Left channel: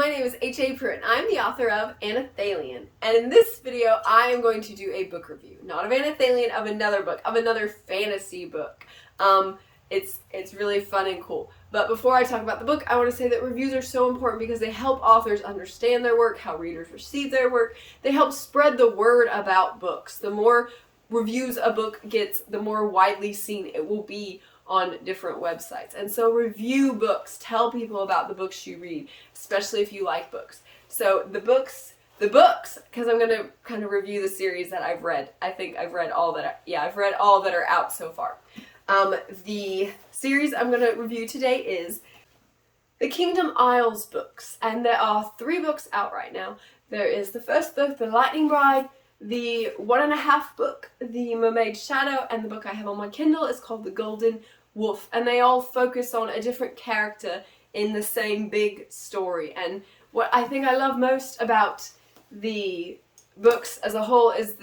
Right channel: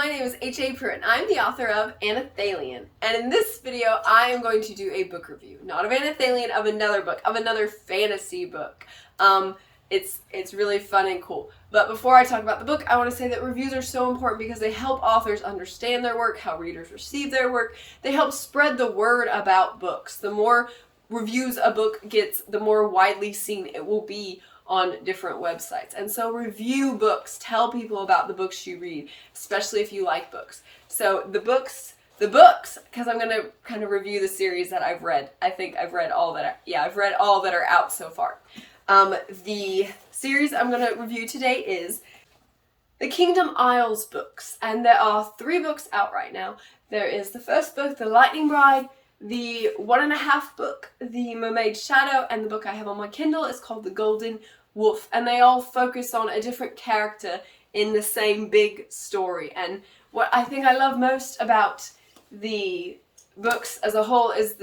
my name is HAPruitt and I'm the author of Anathalion. And in this video, I am going to do a book review. Not of Anathalion, of another book, of another fantasy book. It's really fun and cool. But before I talk about the book, I want to say that reviews are so important because they help authors understand their work, how readers receive their work. They help spread the word about books. The more reviews a book gets, the more widely seen it will be on different websites. And so review books, tell people about the books you read, especially if you like books. So the books, because I'm going to kind of review the series that I've read. I think I've read all that, I've read all that are out so far. The series I'm going to review today is the Kingdom Isles books, and there are 3 books out right now. There is the first book, The Lightning Bride, the 1.5 book, The Mermaid's Shadow, and the book I have on my Kindle is called The Golden Wolf, and they all focus on a different character in the same big story. And what I think I love most about the books as a whole is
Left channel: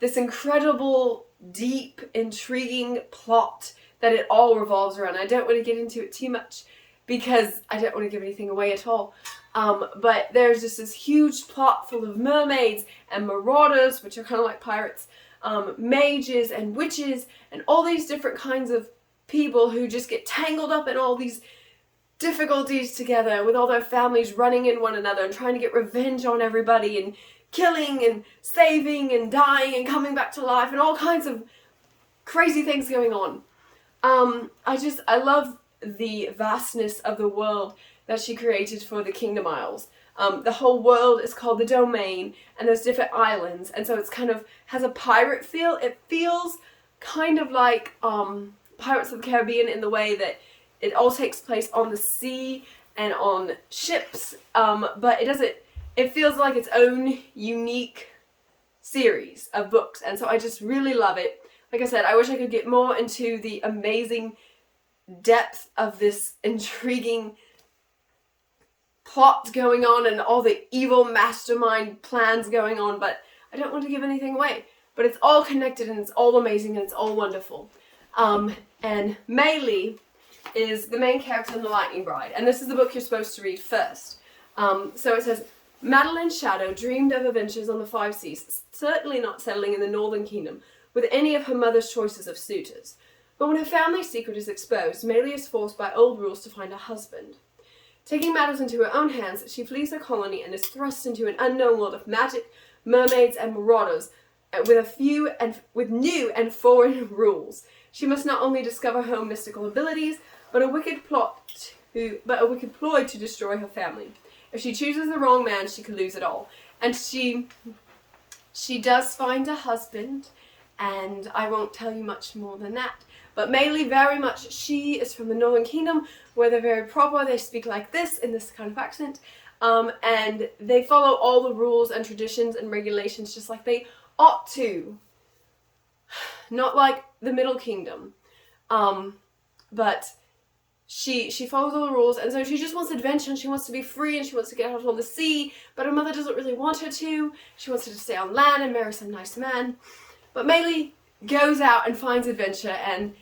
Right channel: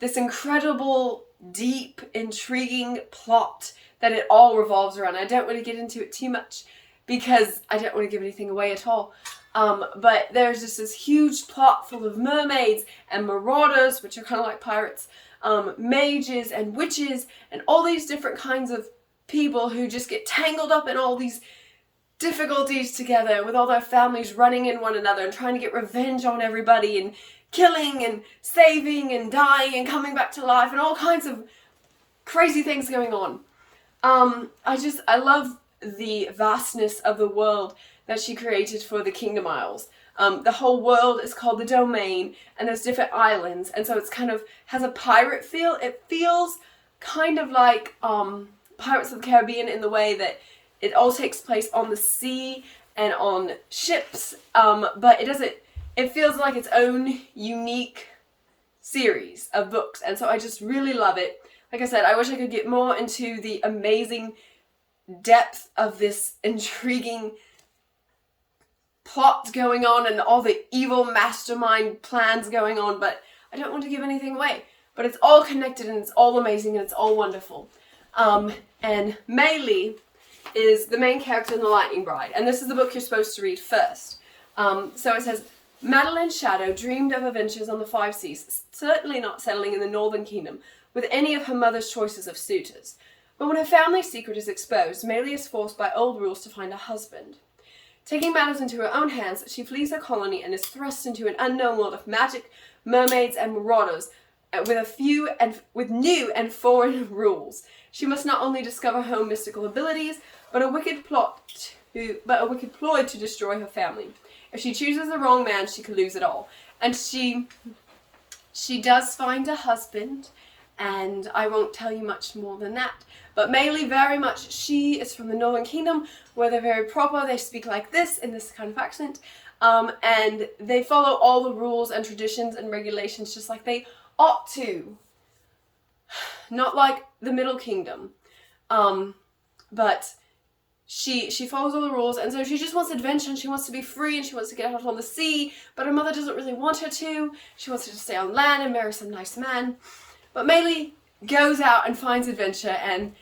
this incredible, deep, intriguing plot that it all revolves around. I don't want to get into it too much because I don't want to give anything away at all. But there's just this huge plot full of mermaids and marauders, which are kind of like pirates, mages and witches, and all these different kinds of people who just get tangled up in all these difficulties together with all their families running in one another and trying to get revenge on everybody and killing and saving and dying and coming back to life and all kinds of crazy things going on. I love the vastness of the world that she created for the Kingdom Isles. The whole world is called the Domain, and there's different islands, and so it's kind of has a pirate feel. It feels kind of like Pirates of the Caribbean in the way that it all takes place on the sea and on ships, but it feels like its own unique series of books, and so I just really love it. Like I said, I wish I could get more into the amazing depth of this intriguing plot going on and all the evil mastermind plans going on, but I don't want to give anything away. But it's all connected and it's all amazing and it's all wonderful. And Maylie is the main character in The Lightning Bride, and this is the book you're supposed to read first. So it says, Madeline's shadow dreamed of adventures on the 5 seas, certainly not settling in the Northern Kingdom with any of her mother's choices of suitors. But when her family's secret is exposed, Maylie is forced by old rules to find a husband. Taking matters into her own hands, she flees her colony and is thrust into an unknown world of magic, mermaids, and marauders, with new and foreign rules. She must not only discover her own mystical abilities, but a wicked ploy to destroy her family. If she chooses the wrong man, she could lose it all. And she does find a husband, and I won't tell you much more than that. But Maylie, very much, she is from the Northern Kingdom, where they're very proper. They speak like this, in this kind of accent. And they follow all the rules and traditions and regulations just like they ought to. Not like the Middle Kingdom. But she follows all the rules, and so she just wants adventure, and she wants to be free, and she wants to get out on the sea, but her mother doesn't really want her to. She wants her to stay on land and marry some nice man. But Maylie goes out and finds adventure, and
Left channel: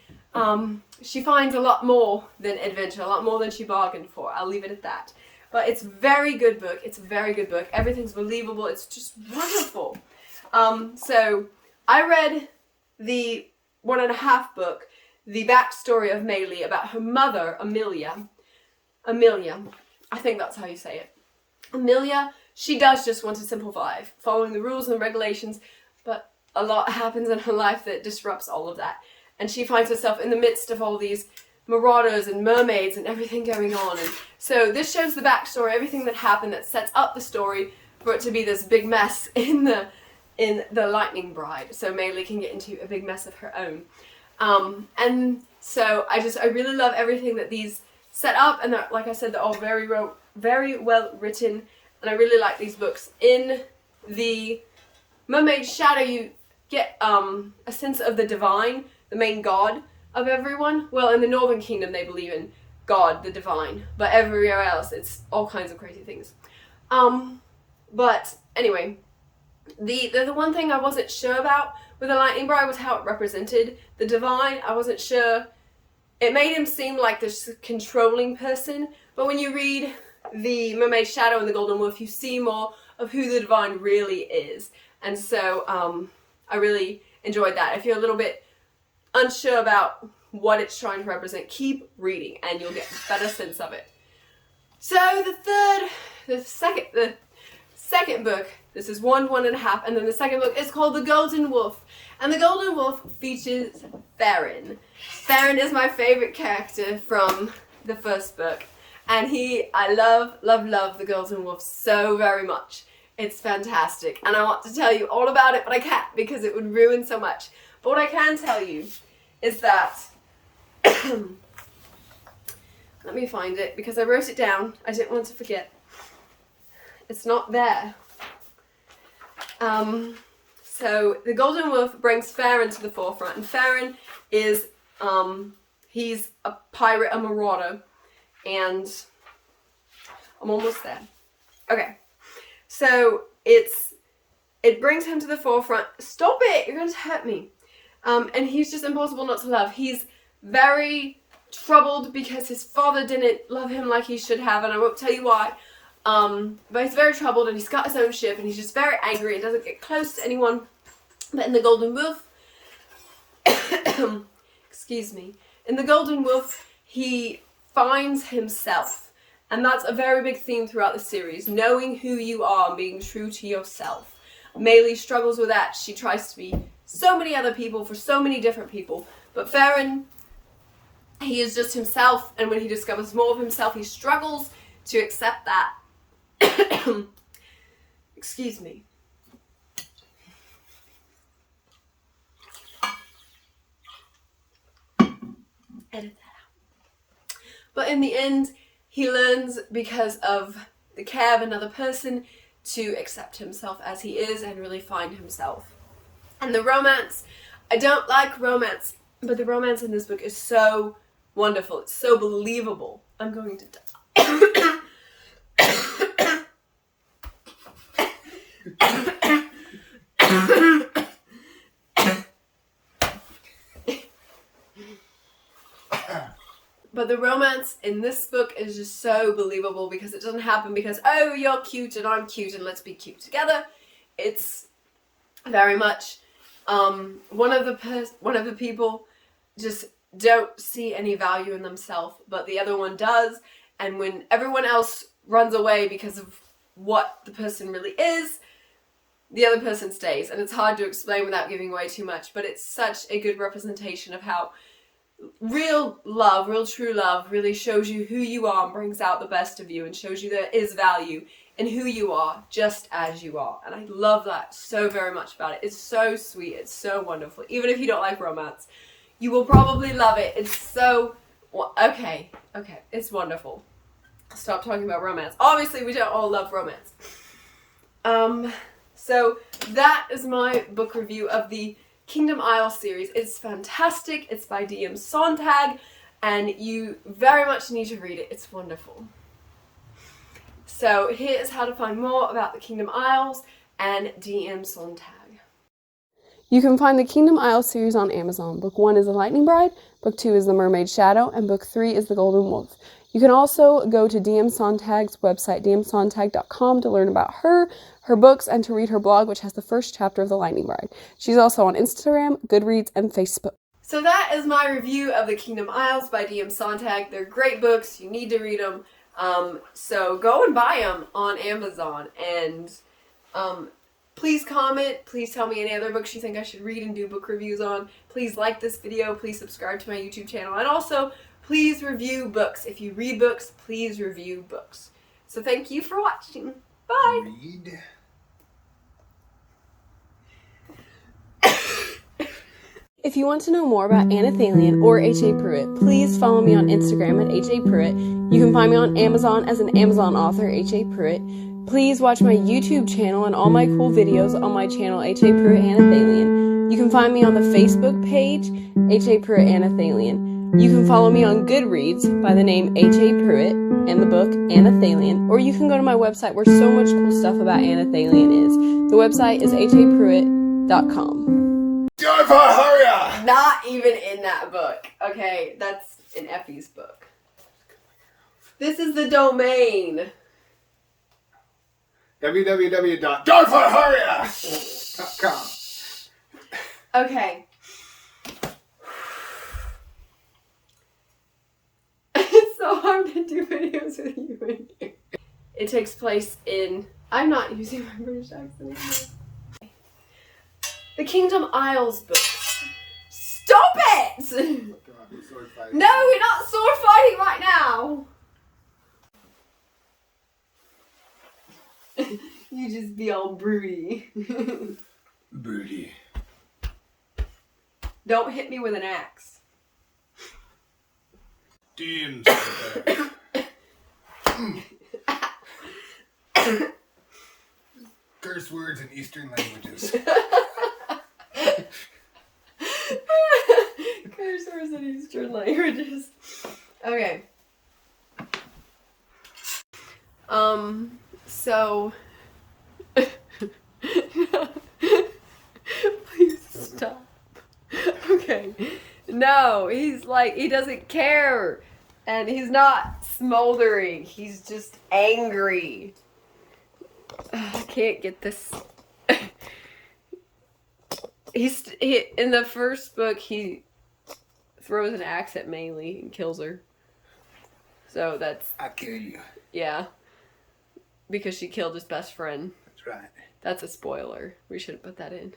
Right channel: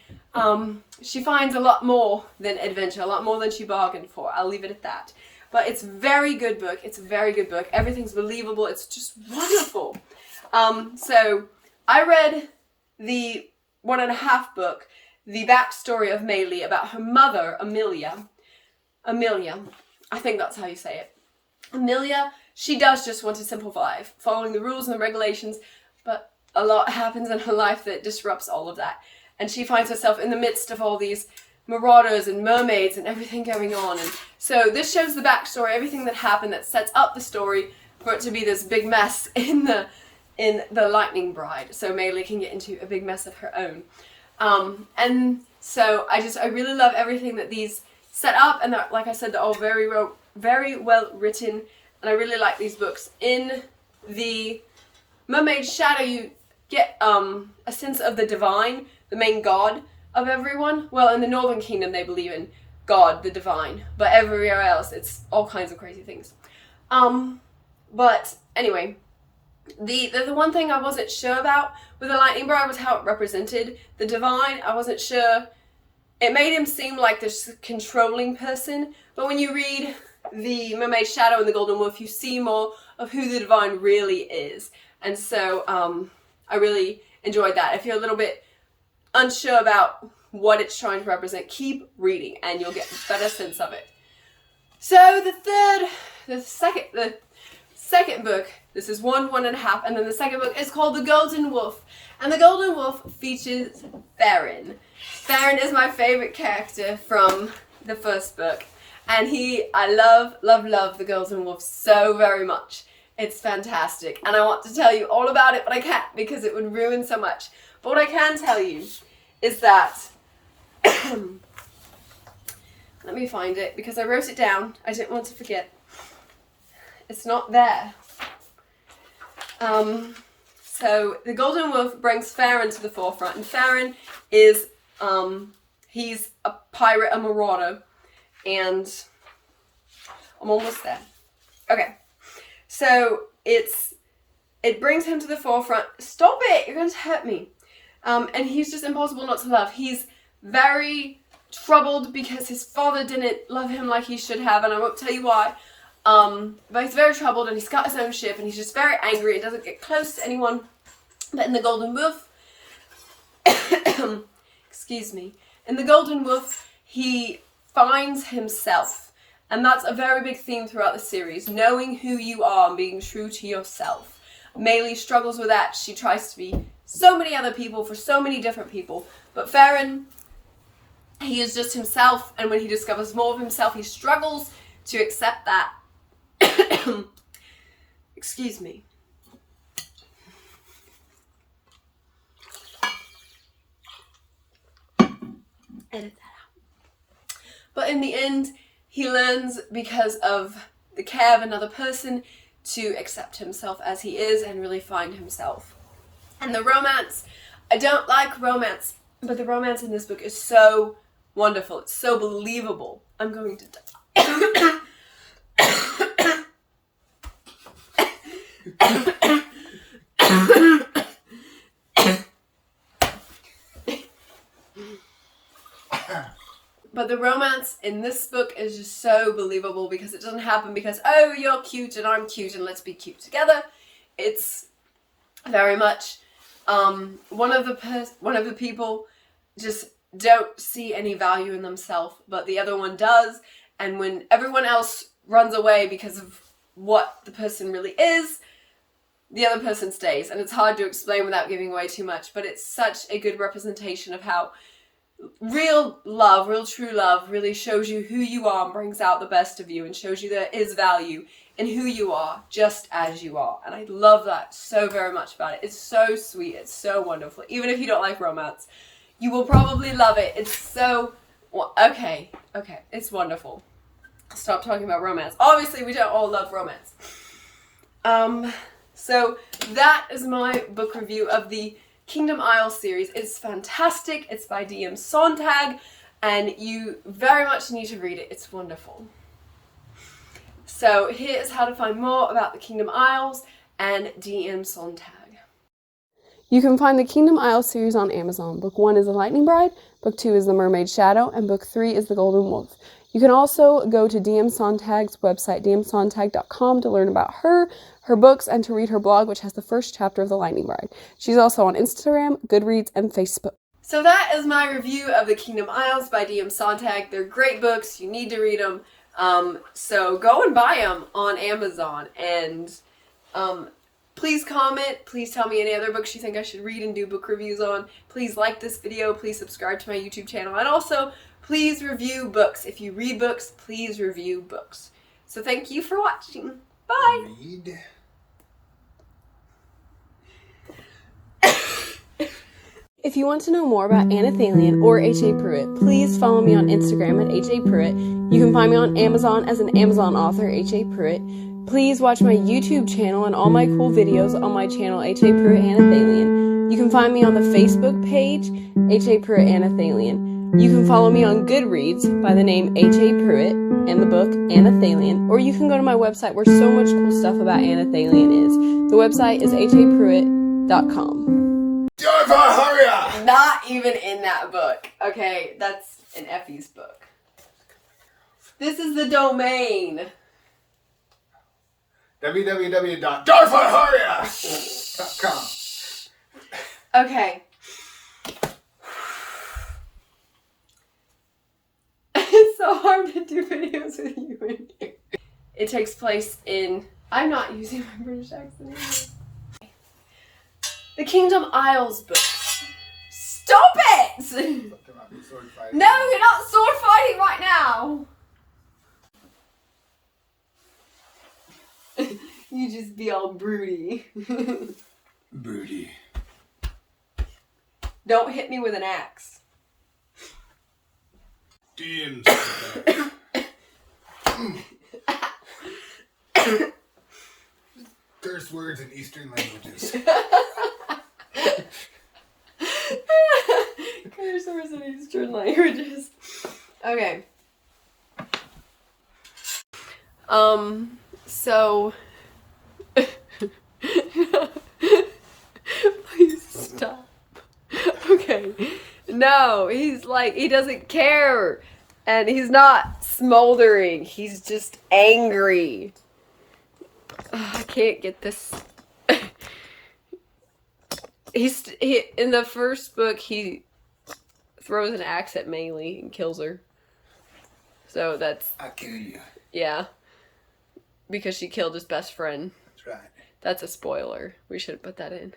she finds a lot more than adventure, a lot more than she bargained for. I'll leave it at that. But it's a very good book. It's a very good book. Everything's believable. It's just wonderful. So I read the 1.5 book, the backstory of Maylie about her mother, Emilia. I think that's how you say it. Emilia, she does just want to simplify, following the rules and the regulations, but a lot happens in her life that disrupts all of that. And she finds herself in the midst of all these marauders and mermaids and everything going on. And so this shows the backstory, everything that happened that sets up the story for it to be this big mess in the Lightning Bride. So Maylie can get into a big mess of her own. And so I really love everything that these set up, and like I said, they're all very well written, and I really like these books. In the Mermaid's Shadow, you get a sense of the divine, the main god of everyone. Well, in the Northern Kingdom, they believe in God, the divine, but everywhere else, it's all kinds of crazy things. But anyway, the one thing I wasn't sure about with the Lightning Bride was how it represented the divine. I wasn't sure. It made him seem like this controlling person, but when you read the Mermaid Shadow and the Golden Wolf, you see more of who the divine really is. And so I really enjoyed that. If you're a little bit unsure about what it's trying to represent, keep reading and you'll get a better sense of it. So the second book, this is 1.5, and then the second book is called The Golden Wolf. And The Golden Wolf features Farron. Farron is my favorite character from the first book. And I love The Golden Wolf so very much. It's fantastic. And I want to tell you all about it, but I can't because it would ruin so much. But what I can tell you is that, let me find it because I wrote it down. I didn't want to forget. It's not there. So the Golden Wolf brings Farron to the forefront, and Farron is, he's a pirate, a marauder, and I'm almost there. Okay, so it brings him to the forefront. Stop it! You're going to hurt me. And he's just impossible not to love. He's very troubled because his father didn't love him like he should have, and I won't tell you why. But he's very troubled and he's got his own ship and he's just very angry and doesn't get close to anyone. But in the Golden Wolf, excuse me, in the Golden Wolf, he finds himself. And that's a very big theme throughout the series, knowing who you are and being true to yourself. Maylie struggles with that. She tries to be so many other people for so many different people. But Farron, he is just himself, and when he discovers more of himself, he struggles to accept that. Excuse me. Edit that out. But in the end, he learns because of the care of another person to accept himself as he is and really find himself. And the romance, I don't like romance, but the romance in this book is so wonderful. It's so believable. I'm going to die. But the romance in this book is just so believable because it doesn't happen because, oh, you're cute and I'm cute and let's be cute together. It's very much one of the people just don't see any value in themselves, but the other one does. And when everyone else runs away because of what the person really is, the other person stays. And it's hard to explain without giving away too much, but it's such a good representation of how real love, real true love really shows you who you are and brings out the best of you and shows you there is value in who you are just as you are. And I love that so very much about it. It's so sweet. It's so wonderful. Even if you don't like romance, you will probably love it. It's so... Okay. It's wonderful. I'll stop talking about romance. Obviously, we don't all love romance. So that is my book review of the Kingdom Isles series. It's fantastic. It's by D.M. Sonntag, and you very much need to read it. It's wonderful. So here's how to find more about the Kingdom Isles and D.M. Sonntag. You can find the Kingdom Isles series on Amazon. Book 1 is The Lightning Bride, Book 2 is The Mermaid Shadow, and Book 3 is The Golden Wolf. You can also go to D.M. Sonntag's website, dmsonntag.com, to learn about her books, and to read her blog, which has the first chapter of The Lightning Bride. She's also on Instagram, Goodreads, and Facebook. So that is my review of The Kingdom Isles by D.M. Sonntag. They're great books. You need to read them. So go and buy them on Amazon. And please comment. Please tell me any other books you think I should read and do book reviews on. Please like this video. Please subscribe to my YouTube channel. And also, please review books. If you read books, please review books. So thank you for watching. Bye. Read. If you want to know more about Anathalion or HAPruitt, please follow me on Instagram at HAPruitt. You can find me on Amazon as an Amazon author, HAPruitt. Please watch my YouTube channel and all my cool videos on my channel, HAPruitt Anathalion. You can find me on the Facebook page, HAPruitt Anathalion. You can follow me on Goodreads by the name HAPruitt and the book Anathalion, or you can go to my website where so much cool stuff about Anathalion is. The website is HAPruitt.com. Not even in that book. Okay, that's in Effie's book. This is the domain. www.dartharharia.com. Okay. It's so hard to do videos with you in here. It takes place in... I'm not using my British accent anymore. The Kingdom Isles books. Stop it! No, we're not sword fighting right now. You just be all broody. Broody. Don't hit me with an axe. Damn. Curse words in Eastern languages. Curse words in Eastern languages. Okay. So... Please stop. Okay. No, he's like, he doesn't care. And he's not smoldering. He's just angry. I can't get this. In the first book, he throws an axe at Maylie and kills her. So that's... I kill you. Yeah. Because she killed his best friend. That's right. That's a spoiler. We shouldn't put that in.